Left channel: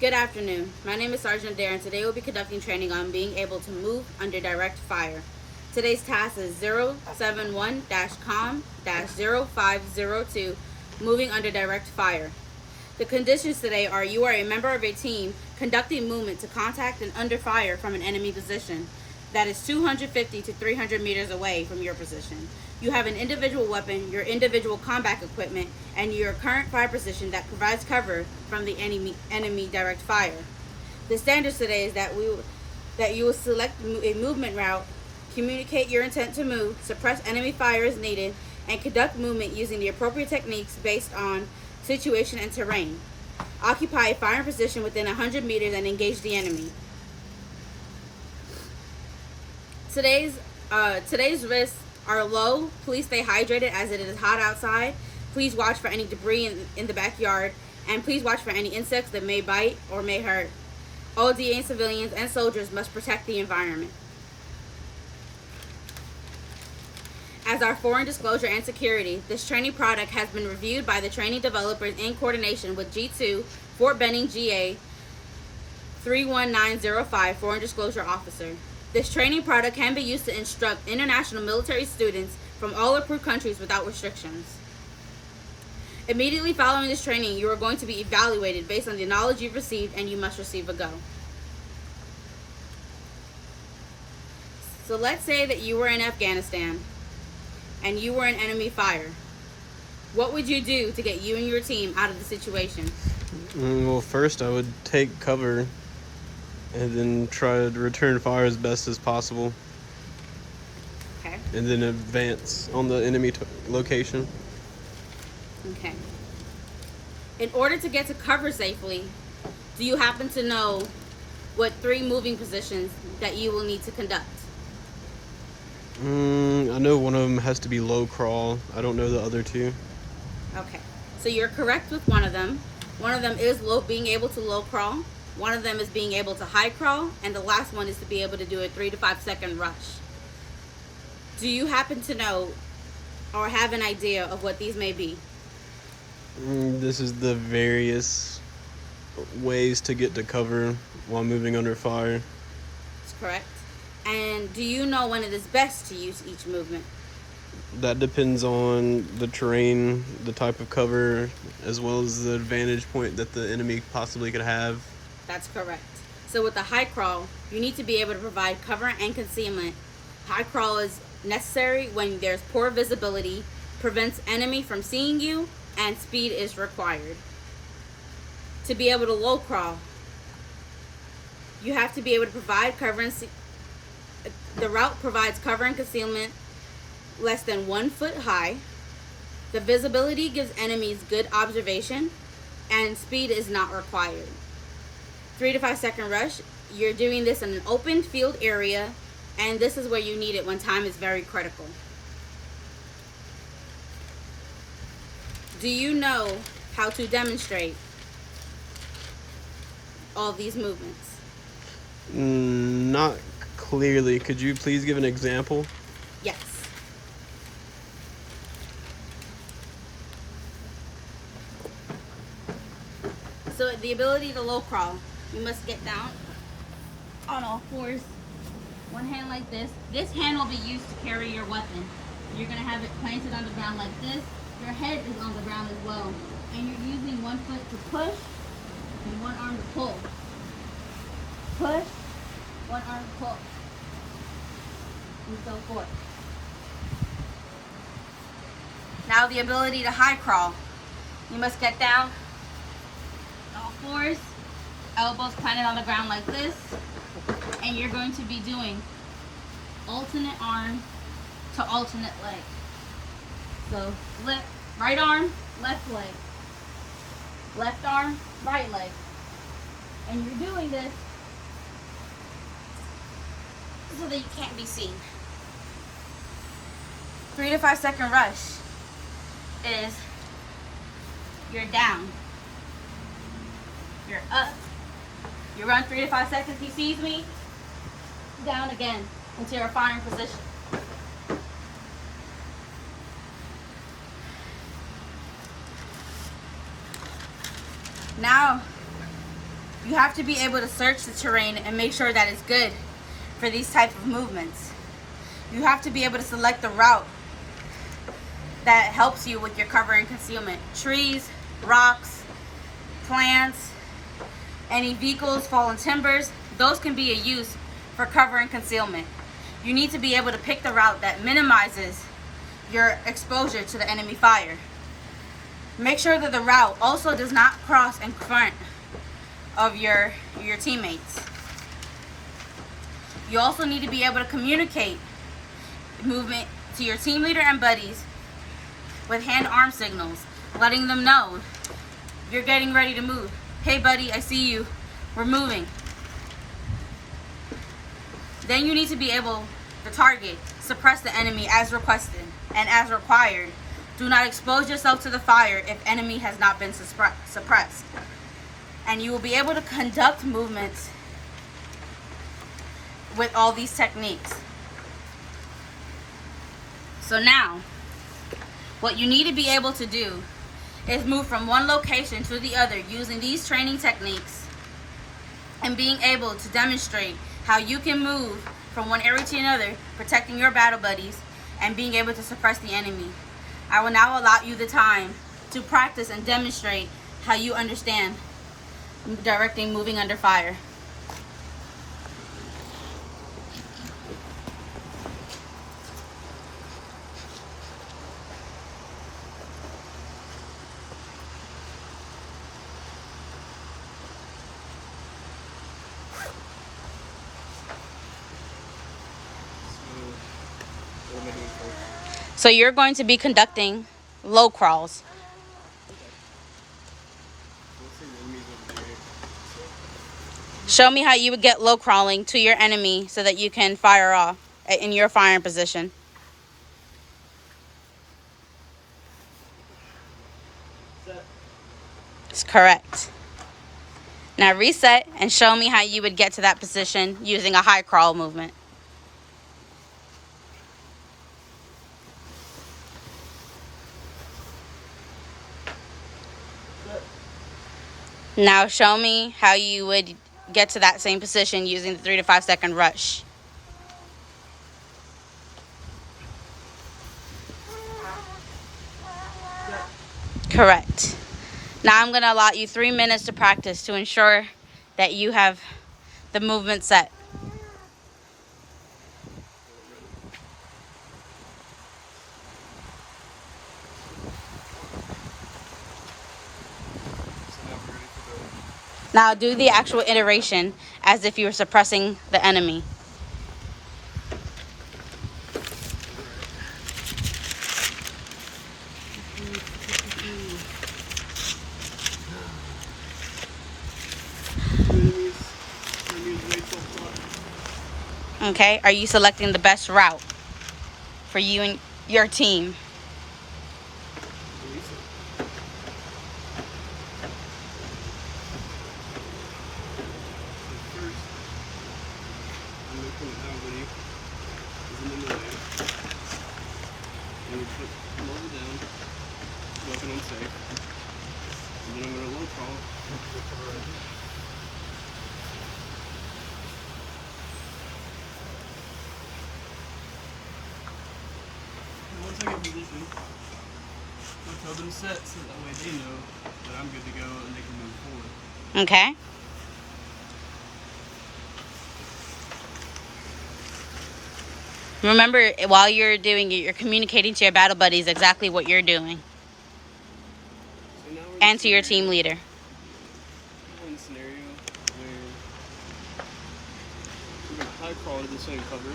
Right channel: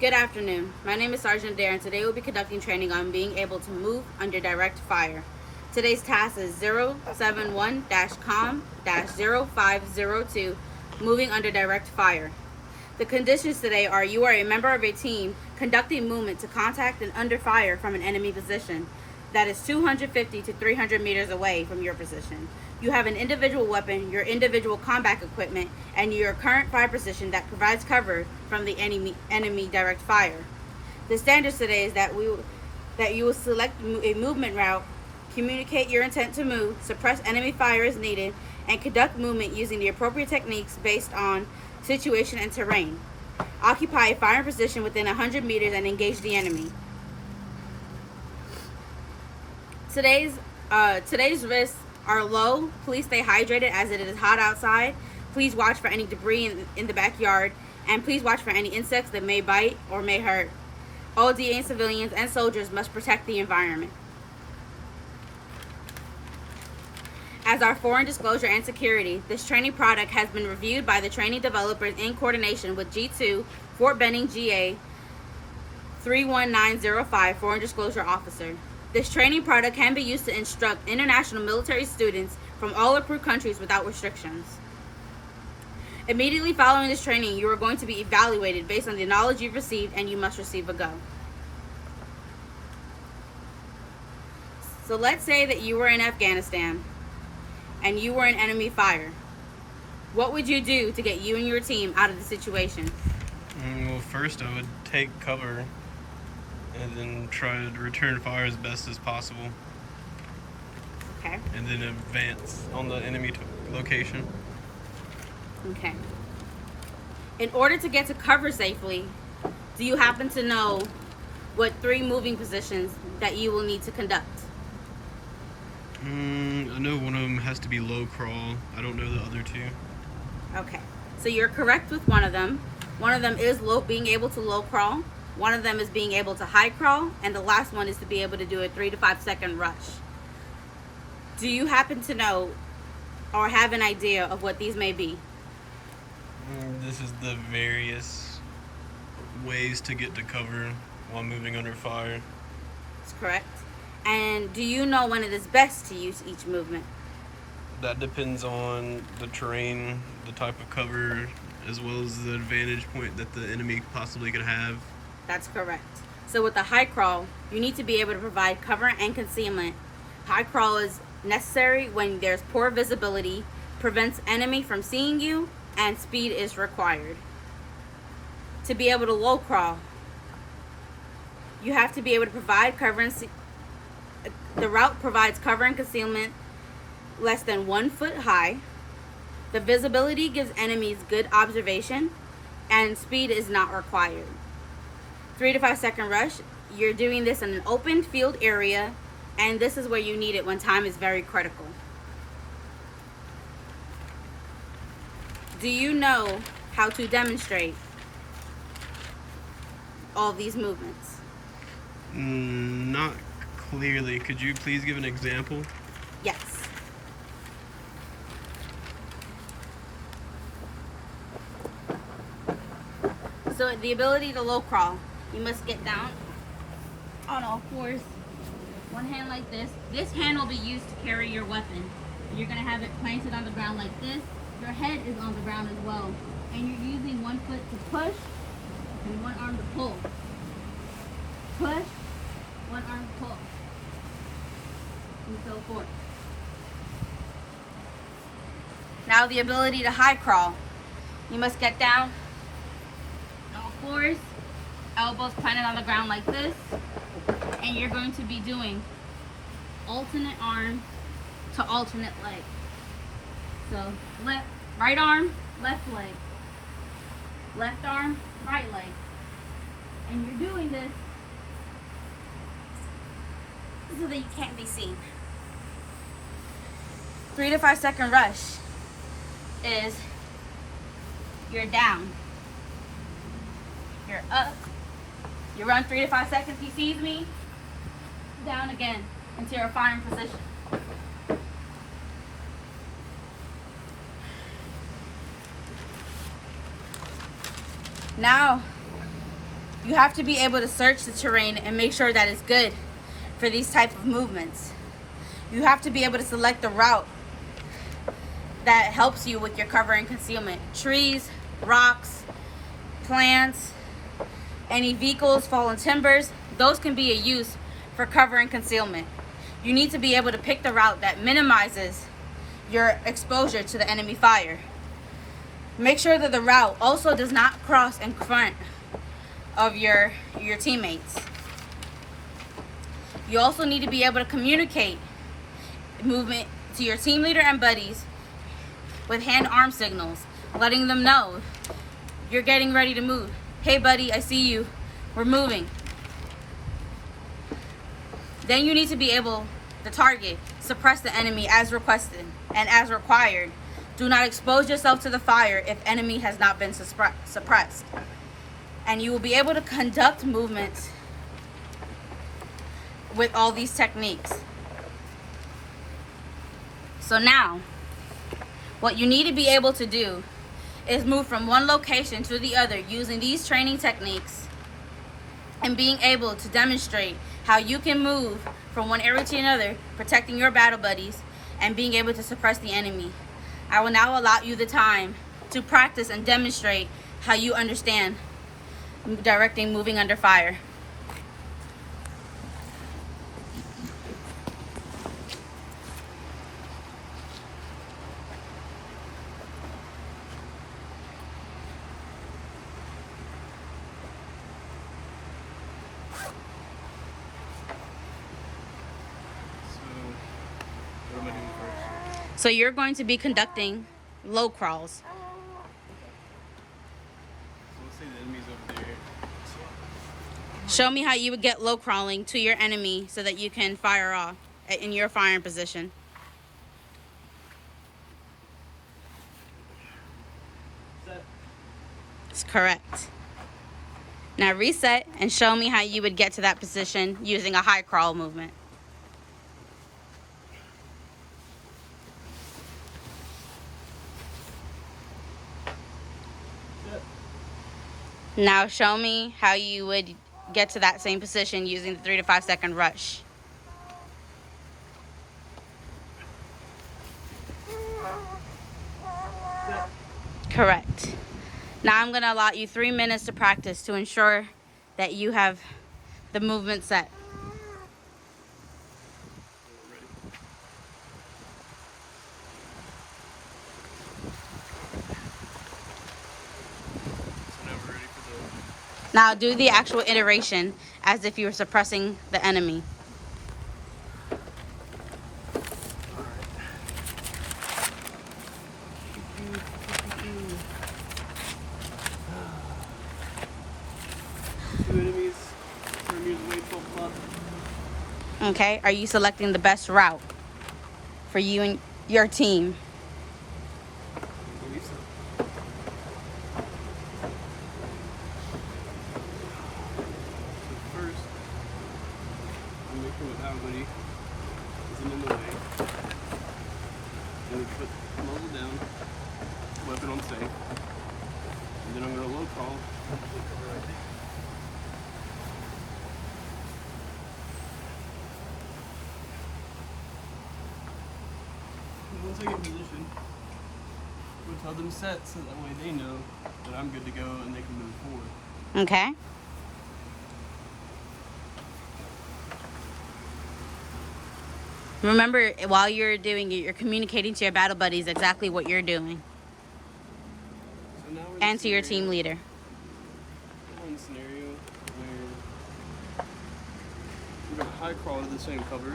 Good afternoon. My name is Sergeant Adair, and today we'll be conducting training on being able to move under direct fire. Today's task is 071-COM-0502, moving under direct fire. The conditions today are: you are a member of a team conducting movement to contact and under fire from an enemy position that is 250 to 300 meters away from your position. You have an individual weapon, your individual combat equipment, and your current fire position that provides cover from the enemy direct fire. The standards today is that you will select a movement route, communicate your intent to move, suppress enemy fire as needed, and conduct movement using the appropriate techniques based on situation and terrain. Occupy a firing position within 100 meters and engage the enemy. Today's risks are low. Please stay hydrated as it is hot outside. Please watch for any debris in the backyard, and please watch for any insects that may bite or may hurt. All DA civilians and soldiers must protect the environment. As our foreign disclosure and security, this training product has been reviewed by the training developers in coordination with G2, Fort Benning, GA 31905, Foreign Disclosure Officer. This training product can be used to instruct international military students from all approved countries without restrictions. Immediately following this training, you are going to be evaluated based on the knowledge you've received, and you must receive a go. So let's say that you were in Afghanistan and you were in enemy fire. What would you do to get you and your team out of the situation? Well, first I would take cover and then try to return fire as best as possible. Okay. And then advance on the enemy location. Okay. In order to get to cover safely, do you happen to know what 3 moving positions that you will need to conduct? I know one of them has to be low crawl. I don't know the other 2. Okay. So you're correct with one of them. One of them is being able to low crawl. One of them is being able to high crawl, and the last one is to be able to do a 3 to 5 second rush. Do you happen to know or have an idea of what these may be? This is the various ways to get to cover while moving under fire. That's correct. And do you know when it is best to use each movement? That depends on the terrain, the type of cover, as well as the vantage point that the enemy possibly could have. That's correct. So with the high crawl, you need to be able to provide cover and concealment. High crawl is necessary when there's poor visibility, prevents enemy from seeing you, and speed is required. To be able to low crawl, you have to be able to provide cover and the route provides cover and concealment less than 1 foot high. The visibility gives enemies good observation, and speed is not required. 3 to 5 second rush, you're doing this in an open field area, and this is where you need it when time is very critical. Do you know how to demonstrate all these movements? Not clearly. Could you please give an example? Yes. So the ability to low crawl, you must get down on all fours. One hand like this. This hand will be used to carry your weapon. You're going to have it planted on the ground like this. Your head is on the ground as well. And you're using one foot to push and one arm to pull. Push, one arm to pull. And so forth. Now the ability to high crawl. You must get down on all fours, elbows planted on the ground like this, and you're going to be doing alternate arm to alternate leg. So right arm, left leg, left arm, right leg. And you're doing this so that you can't be seen. 3 to 5 second rush is you're down, you're up, you run 3 to 5 seconds, he sees me, down again into your firing position. Now You have to be able to search the terrain and make sure that it's good for these type of movements. You have to be able to select the route that helps you with your cover and concealment. Trees, rocks, plants, any vehicles, fallen timbers, those can be a use for cover and concealment. You need to be able to pick the route that minimizes your exposure to the enemy fire. Make sure that the route also does not cross in front of your teammates. You also need to be able to communicate movement to your team leader and buddies with hand-arm signals, letting them know you're getting ready to move. Hey buddy, I see you. We're moving. Then you need to be able to target, suppress the enemy as requested and as required. Do not expose yourself to the fire if enemy has not been suppressed. And you will be able to conduct movements with all these techniques. So now, what you need to be able to do is move from one location to the other using these training techniques and being able to demonstrate how you can move from one area to another, protecting your battle buddies and being able to suppress the enemy. I will now allow you the time to practice and demonstrate how you understand directing moving under fire. What am I doing first? So you're going to be conducting low crawls. Let's say the enemy's over there. Show me how you would get low crawling to your enemy so that you can fire off in your firing position. That's correct. Now reset and show me how you would get to that position using a high crawl movement. Now show me how you would get to that same position using the 3 to 5 second rush. Correct. Now I'm going to allot you 3 minutes to practice to ensure that you have the movement set. Now do the actual iteration as if you were suppressing the enemy. Okay, are you selecting the best route for you and your team? Make sure that nobody isn't in the way. Then we put muzzle down, weapon on safe, and then I'm going to low crawl to cover right here. And once I get in position, I'll tell them set so that way they know that I'm good to go and they can move forward. Okay. Remember, while you're doing it, you're communicating to your battle buddies exactly what you're doing. So now we're And to your team leader. We're in the scenario where we're going to high crawl to the same cover.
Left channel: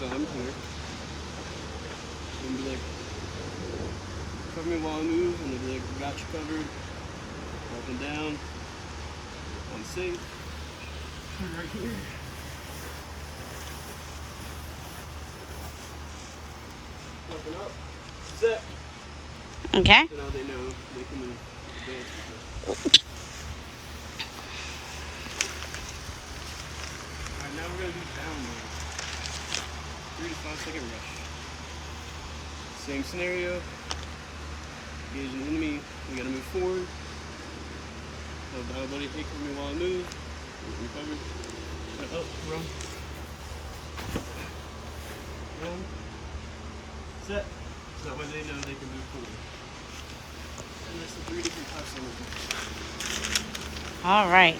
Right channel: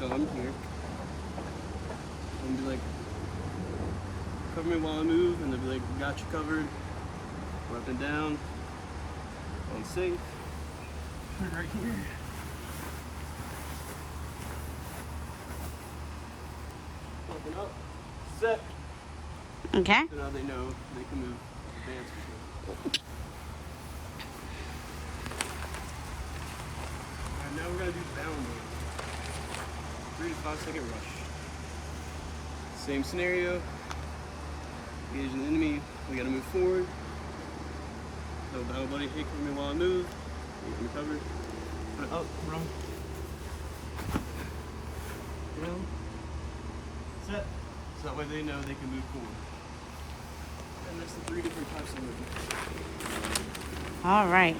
So I'm here. And be like, cover me while I move, and they'll be like, got you covered. Weapon down. On safe. Right here. Weapon up. Set. Okay. So now they know they can move. Advance. Alright, now we're going to do down move. 3 to 5 second rush. Same scenario. Engage an enemy. We got to move forward. Tell the battle buddy, hey, cover me while I move. You get me covered. Up, run. Down. Set. So that way they know they can move forward. And there's the 3 different types of movement. All right.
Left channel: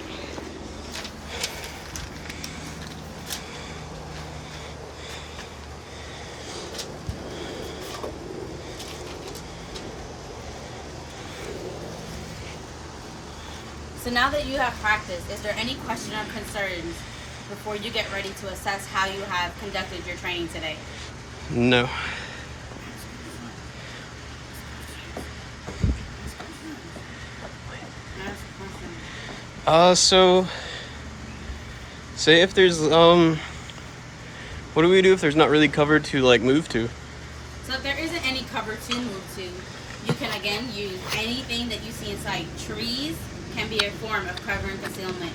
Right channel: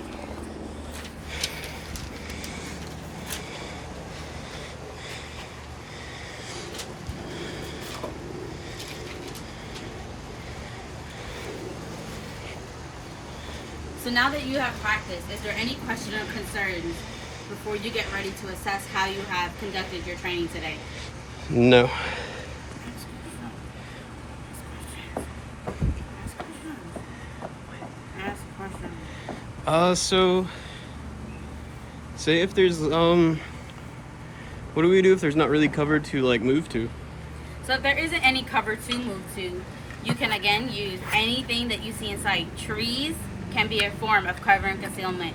So now that you have practiced, is there any question or concerns before you get ready to assess how you have conducted your training today? No. So say if there's what do we do if there's not really cover to like move to? So if there isn't any cover to move to, you can again use anything that you see in sight. Trees can be a form of cover and concealment.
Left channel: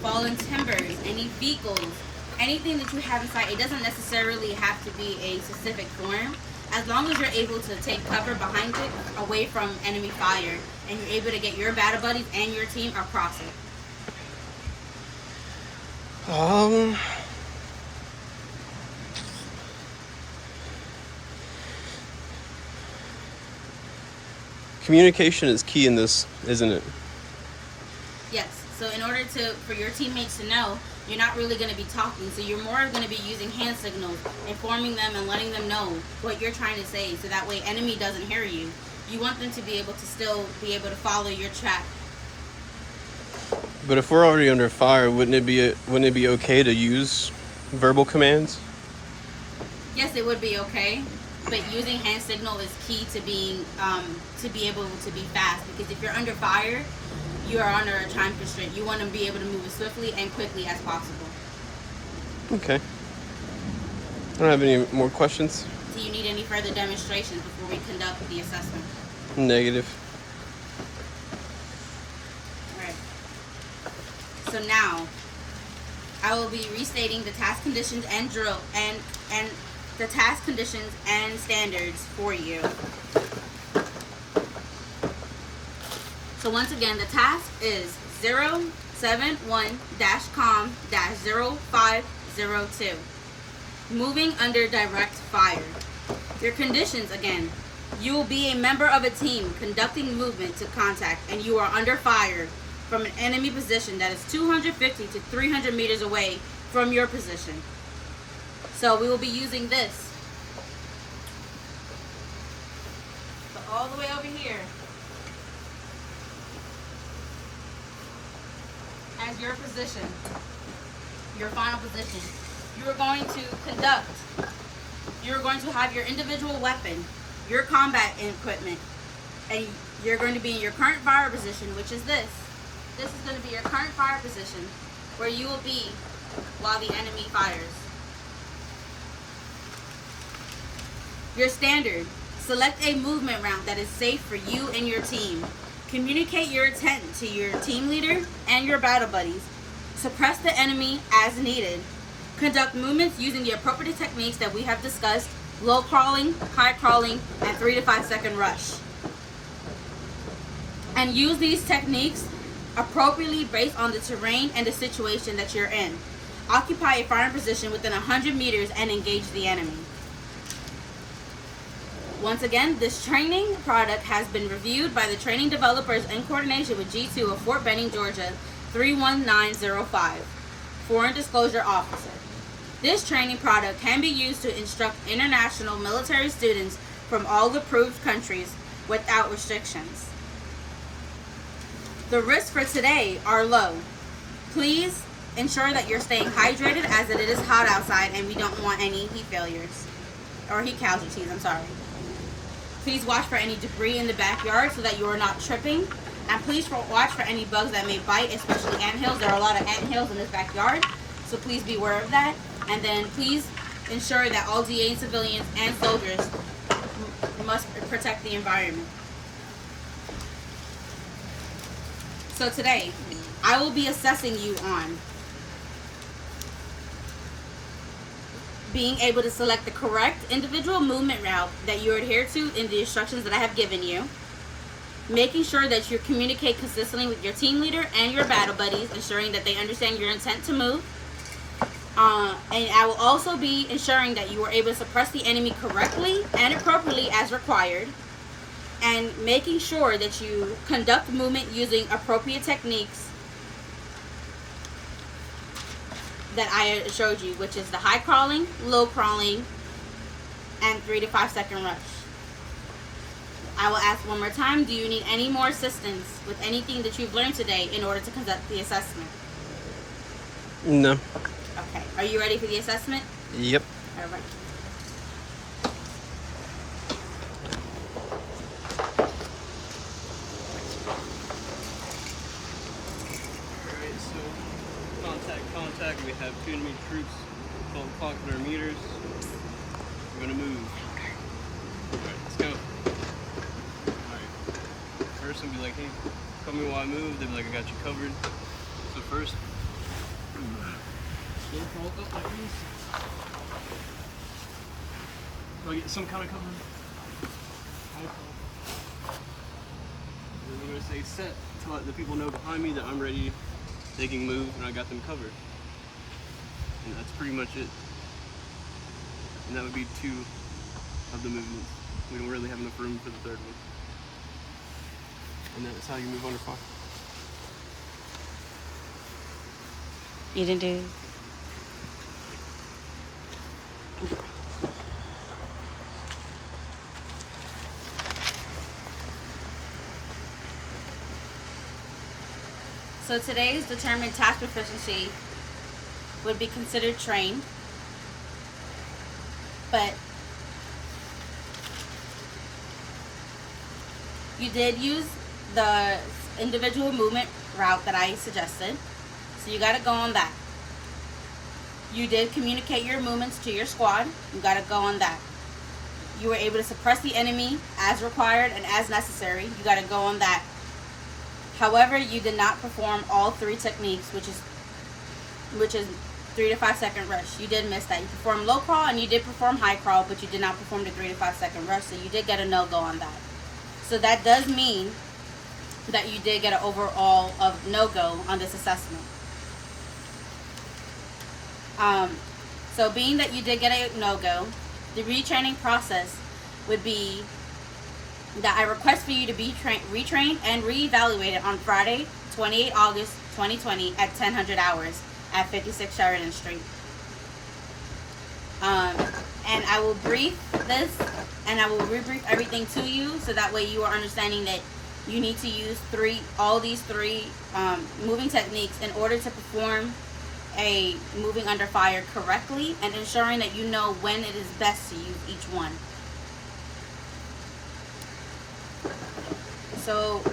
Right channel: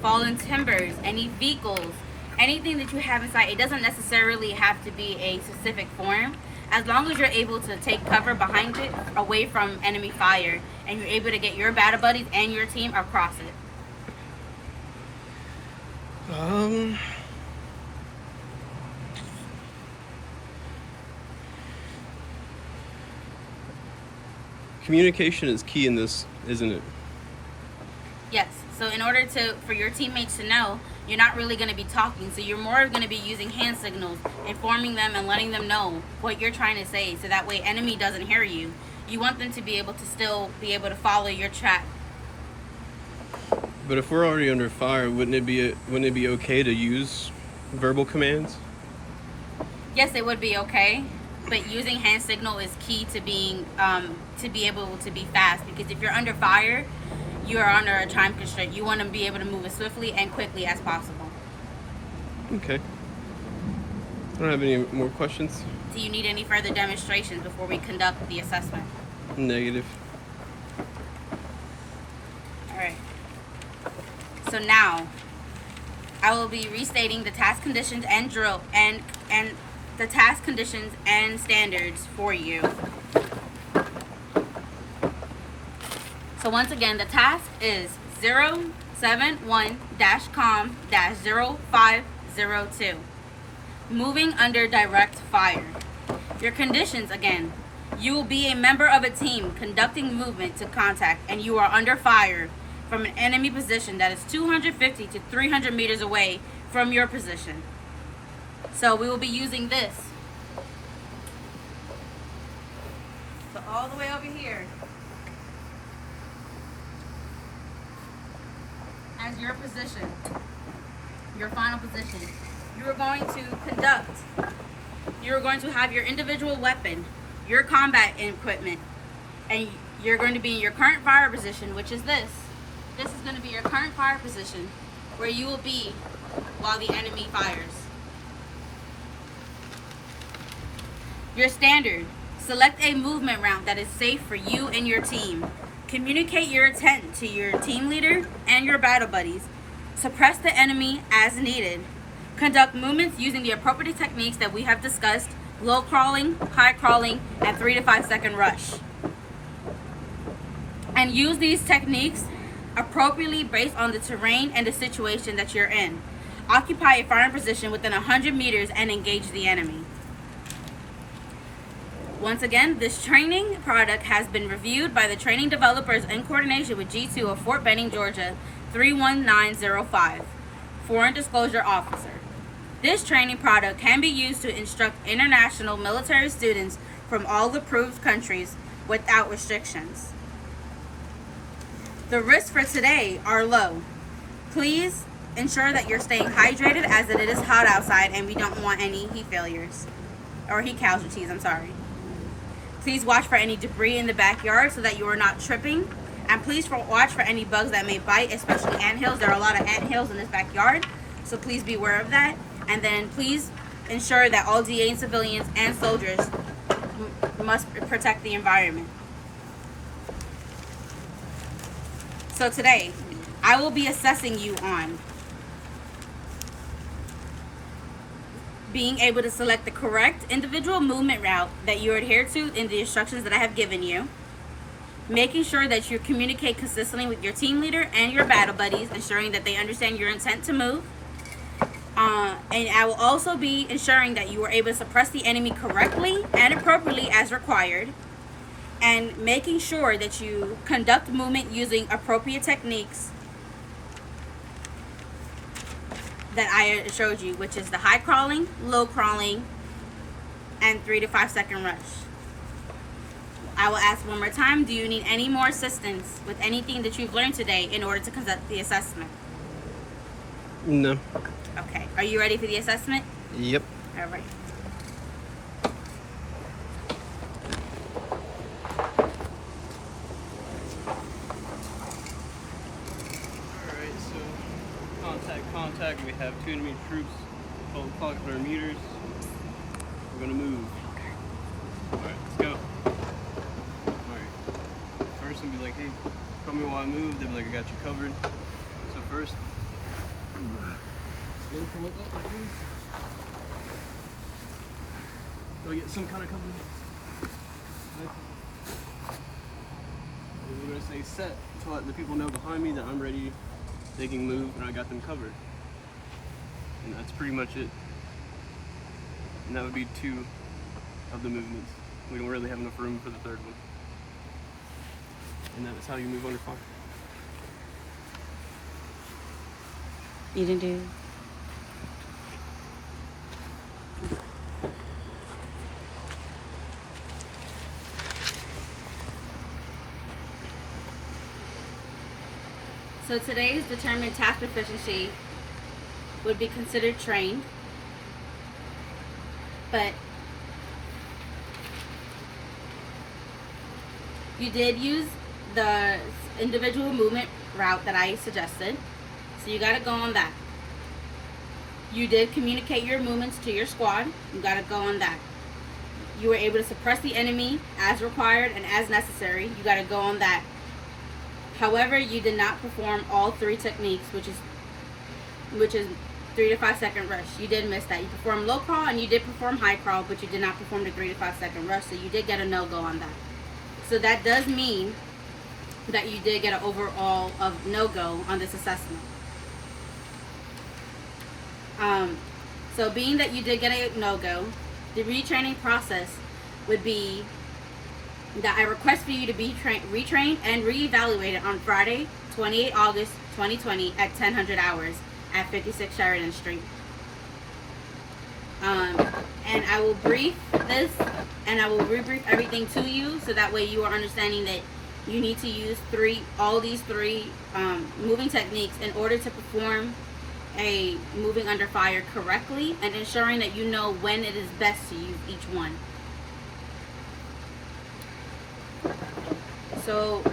Fallen timbers, any vehicles, anything that you have in sight. It doesn't necessarily have to be a specific form. As long as you're able to take cover behind it, away from enemy fire, and you're able to get your battle buddies and your team across it. Communication is key in this, isn't it? Yes. So in order for your teammates to know, you're not really going to be talking. So you're more going to be using hand signals, informing them and letting them know what you're trying to say. So that way enemy doesn't hear you. You want them to be able to still be able to follow your track. But if we're already under fire, wouldn't it be okay to use verbal commands? Yes, it would be okay. But using hand signal is key to being to be able to be fast, because if you're under fire, you are under a time constraint. You want to be able to move as swiftly and quickly as possible. Okay. I don't have any more questions. Do you need any further demonstrations before we conduct the assessment? Negative. All right. So now, I will be restating the task conditions and drill and the task conditions and standards for you. So once again, the task is 071-COM-0502. Moving under direct fire. Your conditions again. You will be a member of a team conducting movement to contact, and you are under fire from an enemy position that is 250 to 300 meters away from your position. So we will be using this. So all the way over here as your position, your final position. You are going to conduct. You are going to have your individual weapon, your combat equipment, and you're going to be in your current fire position, which is this. This is going to be your current fire position where you will be while the enemy fires. Your standard. Select a movement route that is safe for you and your team. Communicate your intent to your team leader and your battle buddies. Suppress the enemy as needed. Conduct movements using the appropriate techniques that we have discussed: low crawling, high crawling, and 3 to 5 second rush. And use these techniques appropriately based on the terrain and the situation that you're in. Occupy a firing position within 100 meters and engage the enemy. Once again, this training product has been reviewed by the training developers in coordination with G2 of Fort Benning, Georgia, 31905, Foreign Disclosure Officer. This training product can be used to instruct international military students from all approved countries without restrictions. The risks for today are low. Please ensure that you're staying hydrated, as it is hot outside and we don't want any heat failures, or heat casualties, I'm sorry. Please watch for any debris in the backyard so that you are not tripping. And please watch for any bugs that may bite, especially anthills. There are a lot of anthills in this backyard, so please be aware of that. And then please ensure that all DA and civilians and soldiers must protect the environment. So today, I will be assessing you on being able to select the correct individual movement route that you adhere to in the instructions that I have given you. Making sure that you communicate consistently with your team leader and your battle buddies, ensuring that they understand your intent to move. And I will also be ensuring that you are able to suppress the enemy correctly and appropriately as required, and making sure that you conduct movement using appropriate techniques that I showed you, which is the high crawling, low crawling, and 3 to 5 second rush. I will ask one more time, do you need any more assistance with anything that you've learned today in order to conduct the assessment? No. Okay, are you ready for the assessment? Yep. All right. Alright, so contact. We have 2 enemy troops, 12 o'clock, 100 meters. We're gonna move. Alright, let's go. Alright. First one be like, hey, call me while I move. They'll be like, I got you covered. So first, slow crawl up like this. Go get some kind of cover. And we're gonna say set to let the people know behind me that I'm ready. They can move and I got them covered. And that's pretty much it. And that would be 2 of the movements. We don't really have enough room for the 3rd one. And that is how you move under fire. You didn't do. So today's determined task proficiency would be considered trained, but you did use the individual movement route that I suggested, so you got to go on that. You did communicate your movements to your squad. You got to go on that. You were able to suppress the enemy as required and as necessary. You got to go on that. However, you did not perform all 3 techniques, which is 3 to 5 second rush. You did miss that. You performed low crawl and you did perform high crawl, but you did not perform the 3 to 5 second rush, so you did get a no-go on that. So that does mean that you did get an overall of no-go on this assessment. So being that you did get a no-go, the retraining process would be that I request for you to be retrained and reevaluated on Friday, 28 August 2020 at 1000 hours at 56 Sheridan Street. And I will brief this and I will rebrief everything to you, so that way you are understanding that you need to use all these three moving techniques in order to perform a moving under fire correctly, and ensuring that you know when it is best to use each one. So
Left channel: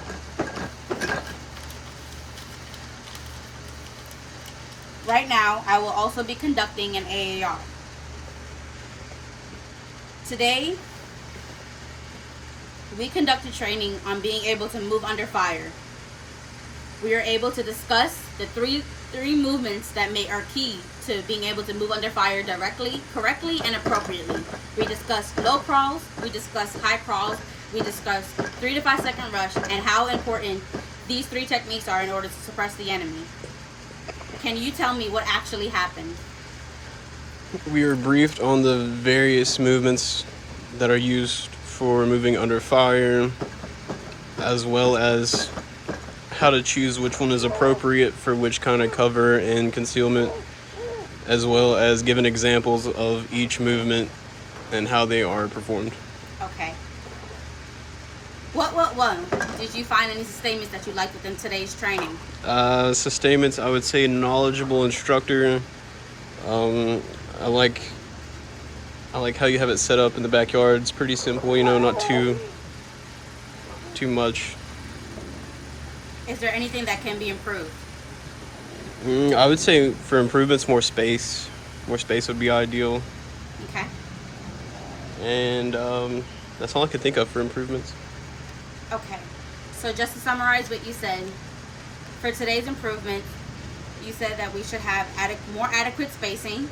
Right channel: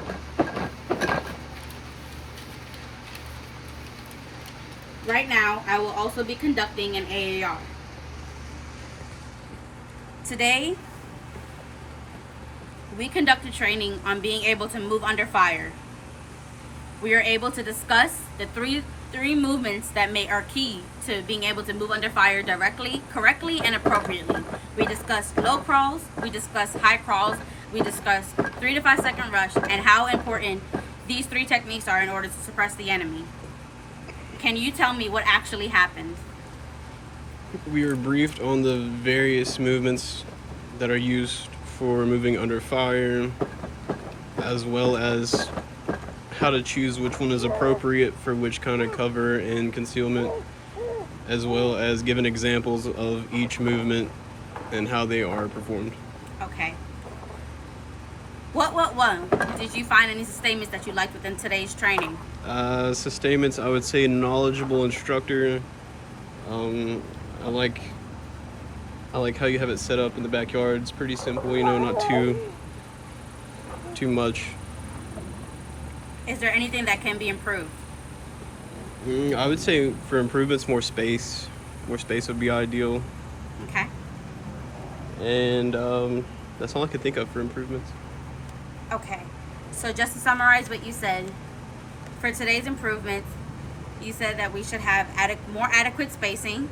right now I will also be conducting an AAR. Today we conducted training on being able to move under fire. We are able to discuss the three movements that are key to being able to move under fire directly, correctly, and appropriately. We discussed low crawls, we discussed high crawls, we discussed 3 to 5 second rush, and how important these 3 techniques are in order to suppress the enemy. Can you tell me what actually happened? We were briefed on the various movements that are used for moving under fire, as well as how to choose which one is appropriate for which kind of cover and concealment, as well as given examples of each movement and how they are performed. Okay. What did you find any sustainments that you liked within today's training? Sustainments, I would say knowledgeable instructor. I like how you have it set up in the backyard. It's pretty simple, not too much. Is there anything that can be improved? I would say for improvements, more space. More space would be ideal. Okay. And that's all I could think of for improvements. Okay. So just to summarize what you said, for today's improvements, you said that we should have more adequate spacing.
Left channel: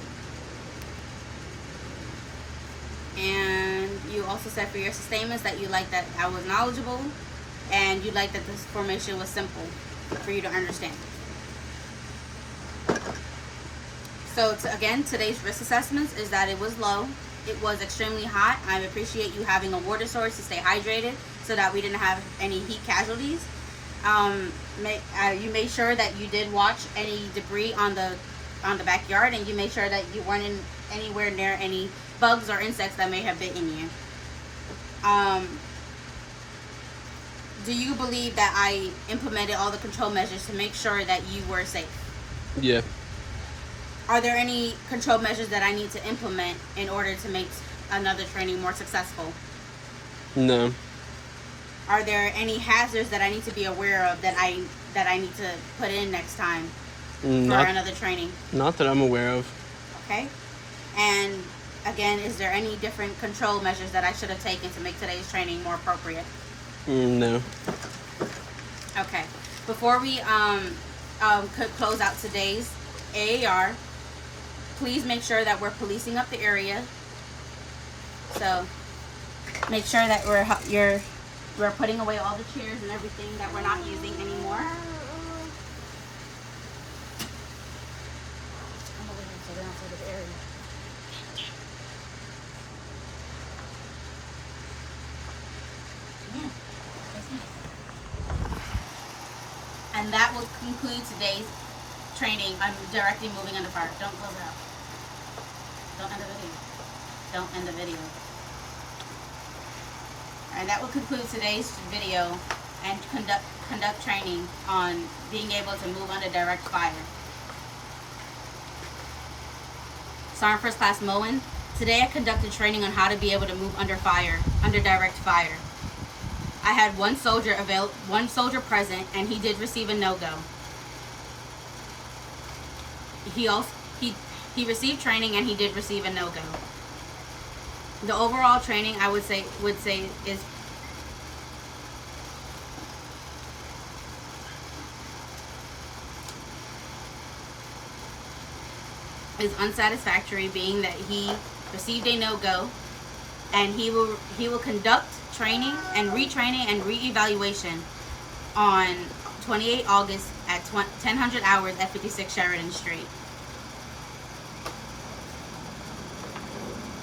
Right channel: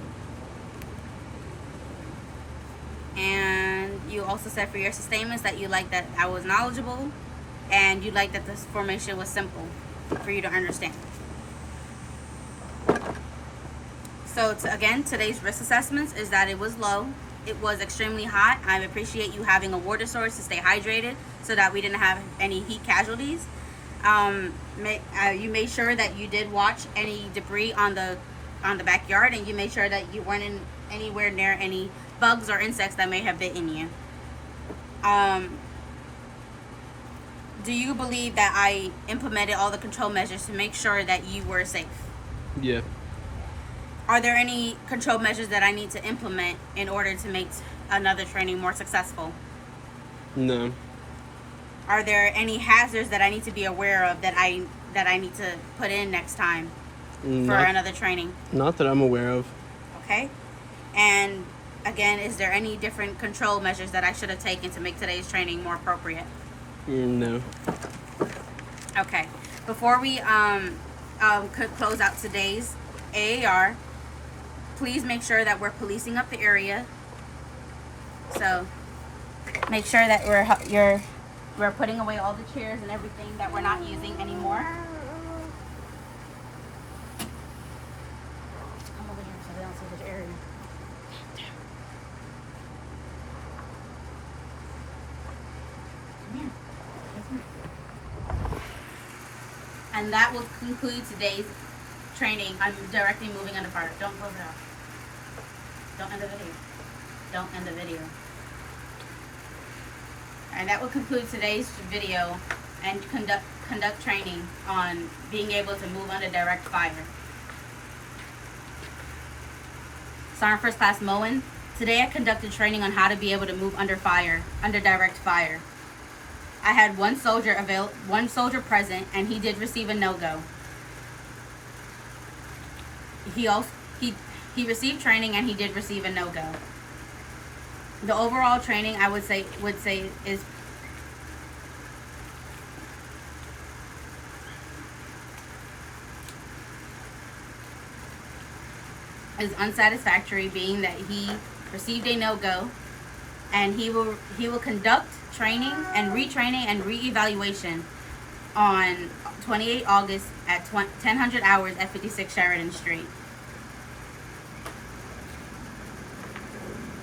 And you also said for your sustainments that you like that I was knowledgeable and you like that this formation was simple for you to understand. So again, today's risk assessments is that it was low. It was extremely hot. I appreciate you having a water source to stay hydrated so that we didn't have any heat casualties. You made sure that you did watch any debris on the backyard, and you made sure that you weren't anywhere near any bugs or insects that may have bitten you. Do you believe that I implemented all the control measures to make sure that you were safe? Yeah. Are there any control measures that I need to implement in order to make another training more successful? No. Are there any hazards that I need to be aware of that I need to put in next time for another training? Not that I'm aware of. Okay. And again, is there any different control measures that I should have taken to make today's training more appropriate? No. Okay. Before we could close out today's AAR, please make sure that we're policing up the area. So make sure that we're putting away all the chairs and everything that we're not using anymore. And that will conclude today's training on directly moving under fire. Don't close it out. Don't end the video. Don't end the video. And that will conclude today's video and conduct training on being able to move under direct fire. Sergeant First Class Moen, today I conducted training on how to be able to move under fire, under direct fire. I had one soldier present, and he did receive a no-go. He received training, and he did receive a no-go. The overall training, I would say is unsatisfactory, being that he received a no-go, and he will conduct training and retraining and re-evaluation on 28 August at 1000 hours at 56 Sheridan Street.